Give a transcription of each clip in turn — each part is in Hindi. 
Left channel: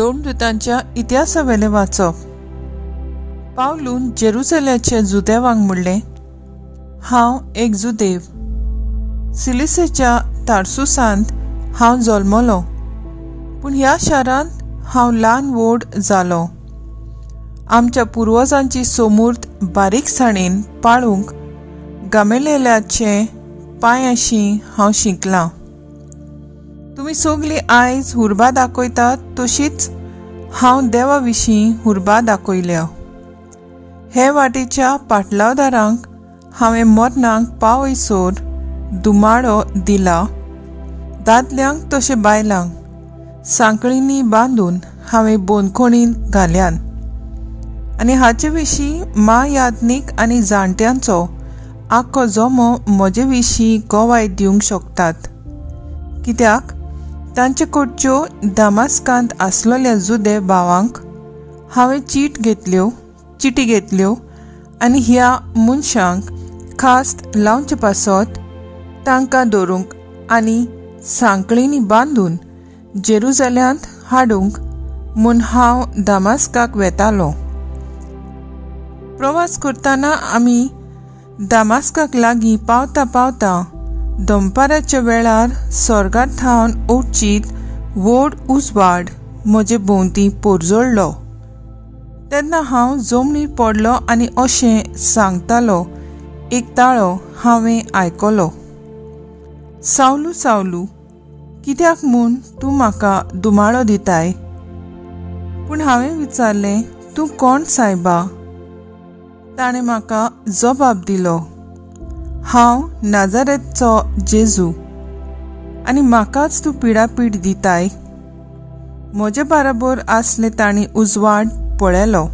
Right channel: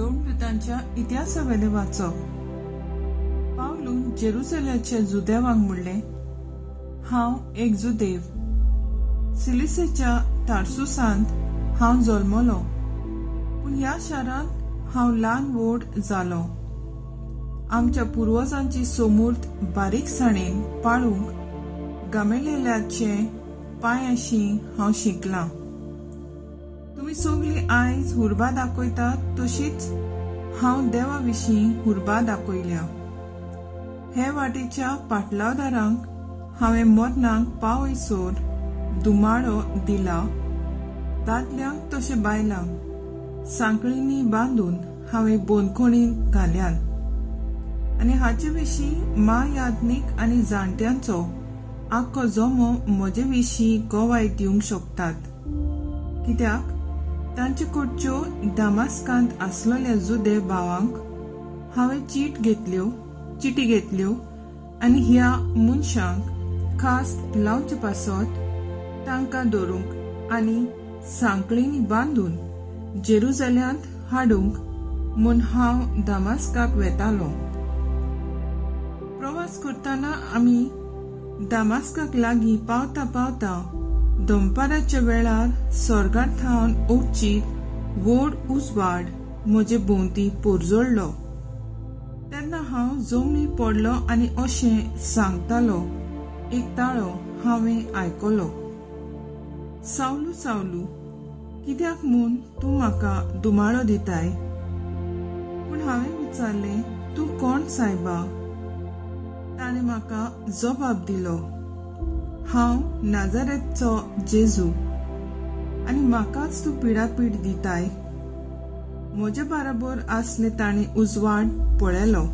दोमदूतांच्या इतिहासावेले वाचप. पावलून जेरुसलेमचे जुदेवांक म्हणलें, हांव एक जुदेव. सिलिसेच्या तार्सुसांत हांव जल्मलो, पूण ह्या शारांत हांव ल्हान व्हड जालो. आमच्या पुर्वजांची सोमूर्त बारीकसाणेन पाळूंक गामेलेल्याचे पांयाशी हांव शिकलां. तुमी सगळीं आयज हुर्बा दाखयतात तशीच हांव देवा विशीं हुर्बा दाखयल्या. हे वाटेच्या पाटलावदारांक हांवें मरणांक पावयसर दुमाळो दिला. दादल्यांक तशे बायलांक सांकळींनी बांदून हांवें बोनखोणीन घाल्यान. आनी हाचे विशीं यादनीक आनी जाणट्यांचो आख्खो जमो म्हजे विशीं गोवाय दिवंक शकतात. कित्याक तांचे कडच्यो दामास्कांत आसलेल्या जुदे भावांक हांवें चिटी घेतल्यो आनी ह्या मनशांक खास्त लावचे पासत तांकां दवरूंक आनी सांकळींनी बांदून जेरुसलेमांत हाडूंक म्हूण हांव दामास्काक वेतालो. प्रवास करतना आमी दामास्काक लागीं पावता पावता दनपाराच्या वेळार स्वर्गांतल्यान ओडचीत व्हड उजवाड म्हजे भोंवती पोरजोळ्ळो. तेन्ना हांव जमनीर पडलो आनी अशें सांगतालो एक ताळो हांवें आयकलो, सावलू सावलू, कित्याक म्हूण तूं म्हाका दुमाळो दिताय? पूण हांवें विचारलें, तूं कोण सायबा? ताणें म्हाका जबाब दिलो, हांव नाजारेतचो जेजू, आनी म्हाकाच तूं पिडापीड दिताय. म्हजे बाराबर आसले तांणी उजवाड पळयलो,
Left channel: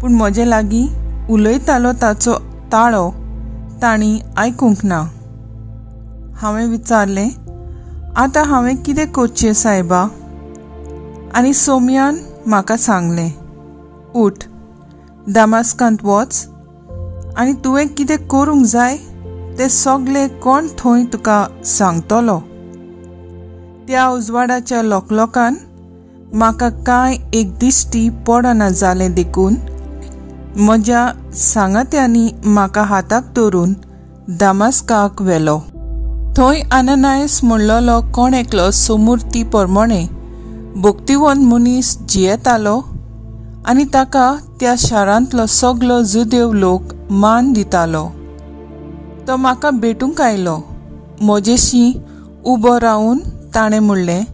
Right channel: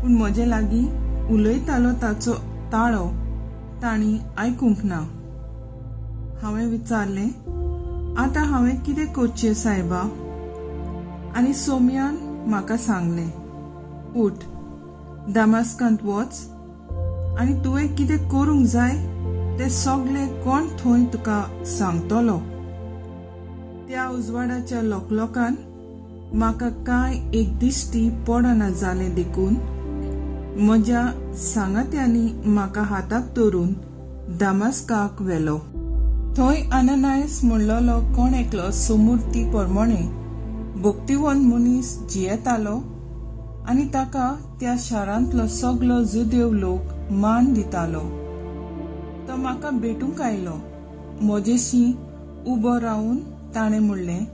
पूण म्हजे लागीं उलयतालो ताचो ताळो तांणी आयकूंक ना. हांवें विचारलें, आतां हांवें कितें करचें सायबा? आनी सोमयान म्हाका सांगलें, उठ, दामास्कांत वच, आनी तुवें कितें करूंक जाय तें सगळें कोण थंय तुका सांगतलो. त्या उजवाडाच्या लोकलोकान म्हाका कांय एक दिश्टी पडना जालें देखून म्हज्या सांगात्यांनी म्हाका हाताक धरून दामास्काक व्हेलो. थंय आननायस म्हणलोलो कोण एकलो सोमुर्ती परमणे भक्तिवंत मनीस जियेतालो आनी ताका त्या शारांतलो सगलो जुदेव लोक मान दितालो. तो म्हाका भेटूंक आयलो. म्हजेशी उबो रावन ताणें म्हणलें,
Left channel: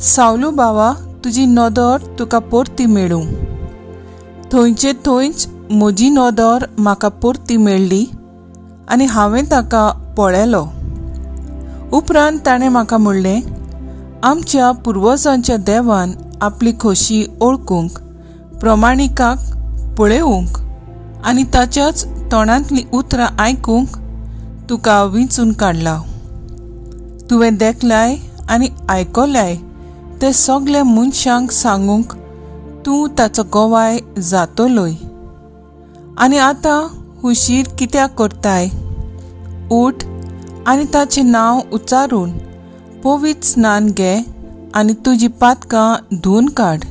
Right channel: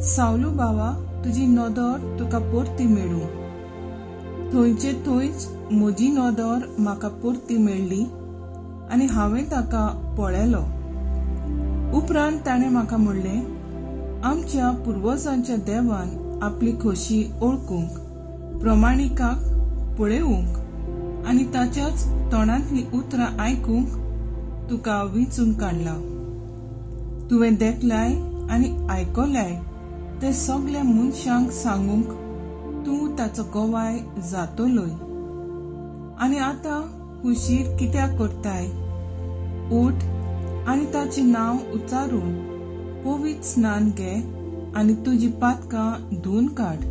सावलू बावा, तुजी नदर तुका परती मेळूं. थंयचे थंयच म्हजी नदर म्हाका परती मेळ्ळी आनी हांवें ताका पळयलो. उपरांत ताणें म्हाका म्हणलें, आमच्या पुर्वजांच्या देवान आपली खोशी ओळखूंक, प्रमाणिकाक पळेवूंक आनी ताच्याच तोंडांतलीं उतरां आयकूंक तुका विंचून काडला. तुवें देखल्याय आनी आयकल्याय ते सगल्या मनशांक सांगूंक तूं ताचो गोवाय जातलोय. आनी आतां हुशीर कित्याक करताय? उठ आनी ताचें नांव उच्चारून पवित्र स्नान घे आनी तुजी पातकां धुवन काड.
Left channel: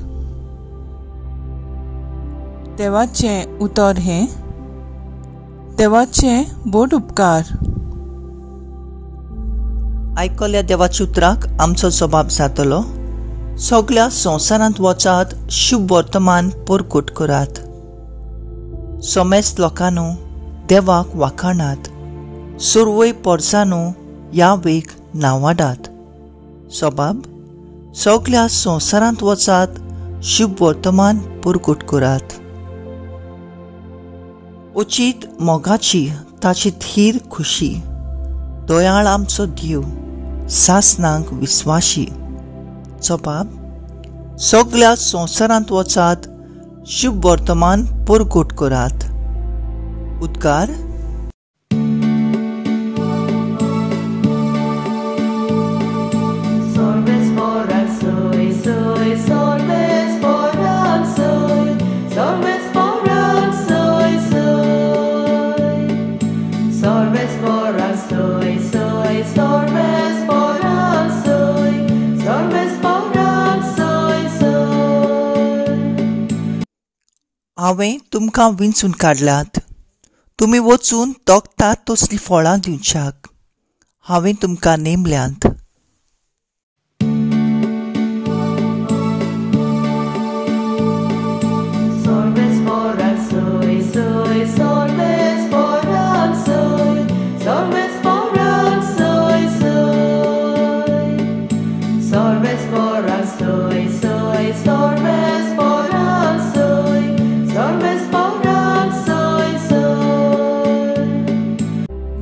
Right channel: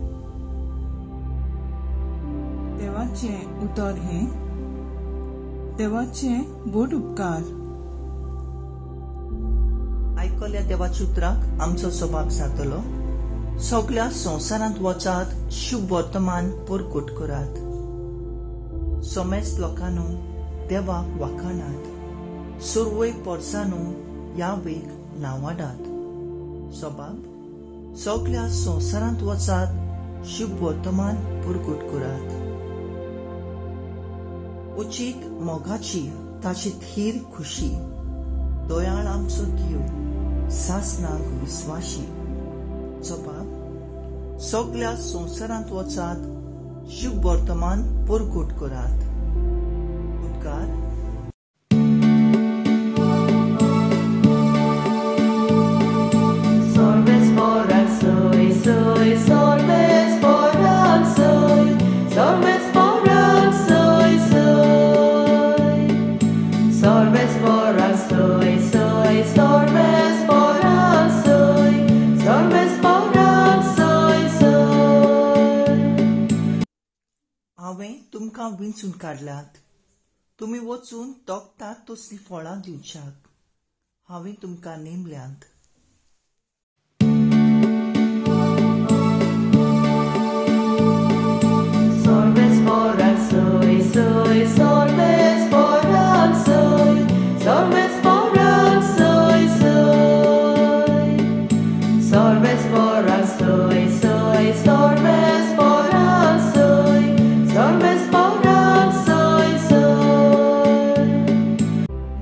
देवाचें उतर हें. देवाचें बोड उपकार. आयकल्या देवाच्या उतराक आमचो जबाब जातलो. सगळ्या संवसारांत वचात, शुभ वर्तमान परकोट करात. समेस्त लोकांनो देवाक वाखाणात. सुरवय पोरसांनो यावेक नांवाडात. जबाब, सगळ्या संवसारांत वचात, शुभ वर्तमान परकोट करात. उचित मोगाची ताची थीर खुशी. दोयाळ आमचो देव, सासनांक विस्वाशी. जबाब, सगळ्या संवसारांत वचात, शुभ वर्तमान परकोट करात. उद्गार. Sorbes por soy, sorbes por soy, हांवें तुमकां विंचून काडलात. तुमी वचून तोखतात तसलीं फळां दिवच्याक. हांवें तुमकां नेमल्यांत.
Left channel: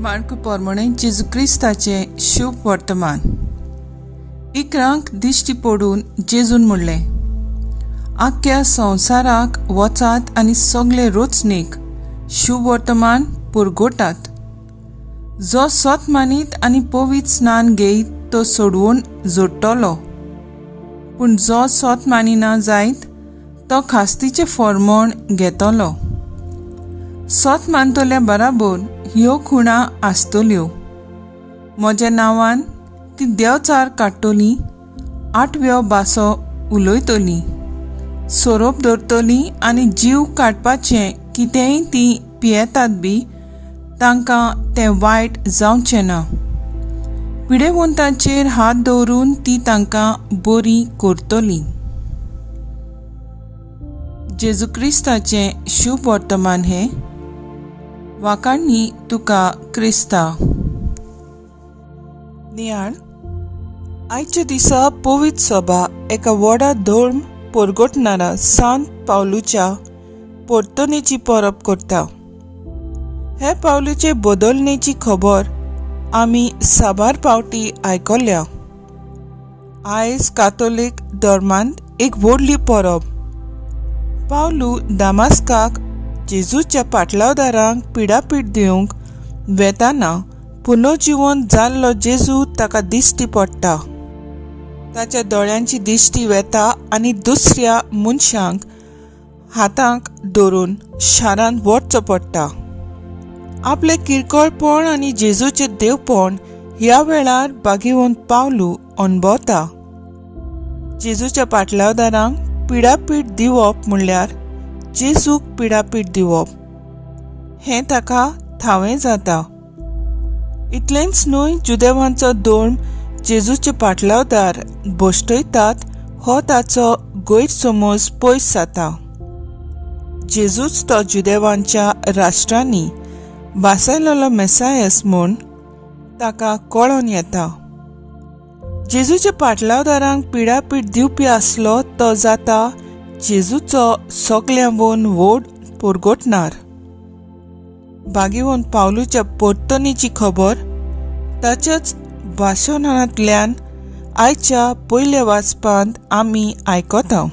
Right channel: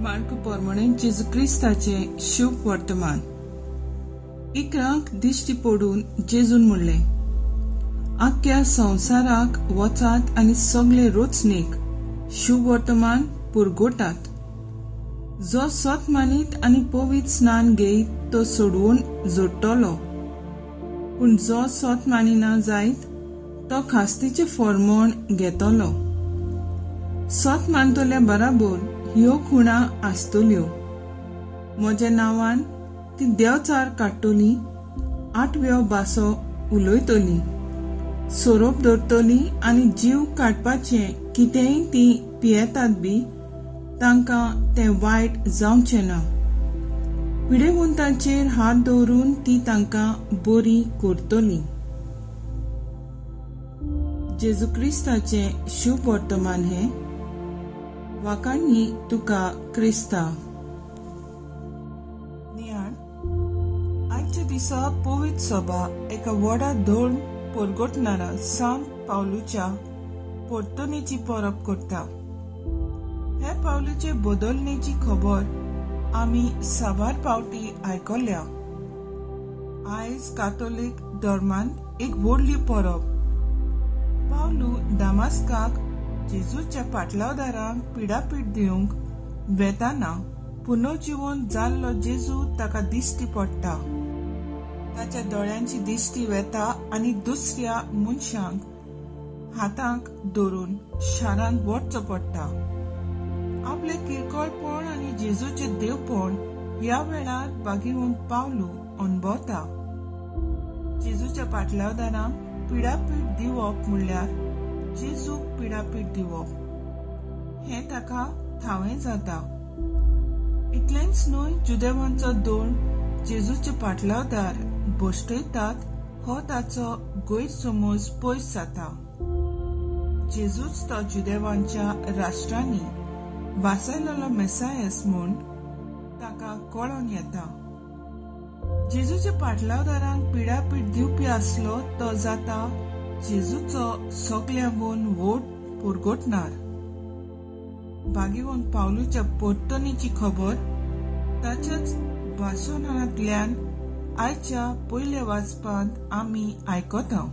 मार्क पोरमोणे जेजू क्रिस्ताचे शुभ वर्तमान. इकरांक दिश्टी पडून जेजून म्हणलें, आख्ख्या संवसाराक वचात आनी सगळे रोचणेक शुभ वर्तमान पुरगोटात. जो सोत मानीत आनी पवित्र स्नान घेयत तो सोडवून जोडटलो, पूण जो सोत मानिना जायत तो खास्तीचें फर्मोण घेतलो. सोत मानतल्या बराबर ह्यो खुणा आसतल्यो. म्हज्या नांवान ती देवचार काडटली, 8व्यो भासो उलयतली, सोरोप धरतली आनी जीव काडपाचें कितेंय ती पियेतात बी तांकां तें वायट जावचें ना. पिडेवंतांचेर हात दवरून ती तांकां बरी करतली. जेजू क्रिस्ताचें शुभ वर्तमान हें. वाकाडणी तुका क्रिस्ता. नियाळ. आयच्या दिसा पवित्र सभा एका व्हडा धर्म परगटणारा सांत पावलूच्या परतणेची परब करता. हे पावलूचे बदलणेची खबर आमी साबार पावटी आयकल्या. आयज कातोलीक धर्मांत एक व्हडली परब. पावलू दामास्काक जेजूच्या पाटलावदारांक पिडापीड दिवंक वेताना पुनर्जिवन जाल्लो जेजू ताका दिश्टी पडटा. ताच्या दोळ्यांची दिश्टी वेता आनी दुसऱ्या मनशांक हातांक धरून शारांत वचचो पडटा. आपले किरकोळपण आनी जेजूचे देवपण ह्या वेळार भागिवंत पावलू अणभवता. जेजूच्या पाटलावदारांक पिडापीड दिवप म्हणल्यार जेजूक पिडापीड दिवप हें ताका थावें जाता. इतलेंच न्हय, जुदेवांचो धर्म जेजूचे पाटलावदार भोश्टयतात हो ताचो गैरसमज पयस जाता. जेजूच तो जुदेवांच्या राष्ट्रांनी बासायलोलो मेसायस म्हूण ताका कळोन येता. जेजूच्या पाटलावदारांक पिडापीड दिवपी आसलो तो जाता जेजूचो सगळ्यांवन व्हड परगटणार. भागिवंत पावलूच्या परतणेची खबर ताच्याच भाशणांतल्यान आयच्या पयल्या वाचपांत आमी आयकता.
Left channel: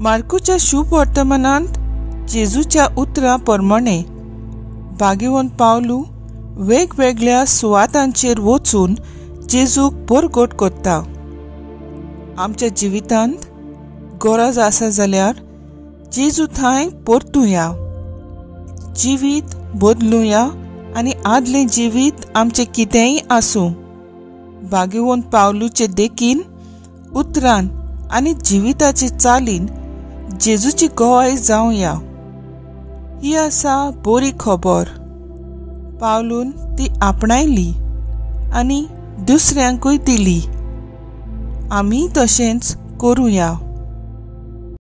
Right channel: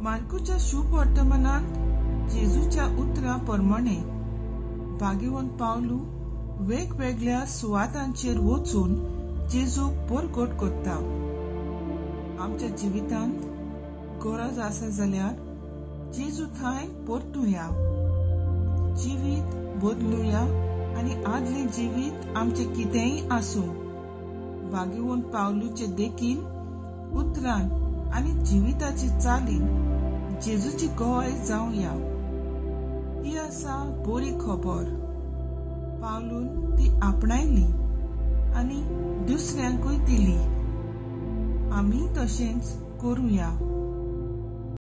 मार्कूच्या शुभ वर्तमानांत जेजूच्या उतरां प्रमाणे भागिवंत पावलू वेगवेगळ्या सुवातांचेर वचून जेजूक परगट करता. आमच्या जिवितांत गरज आसा जाल्यार जेजू थंय परतुया, जिवीत बदलुया आनी आदलें जिवीत आमचें कितेंय आसूं भागिवंत पावलूचे देखीन उतरान आनी जिविताचे चालीन जेजूची गोवाय जावया. ही आसा बरी खबर. पावलून ती आपणायली आनी दुसऱ्यांकूय दिली. आमी तशेंच करुया.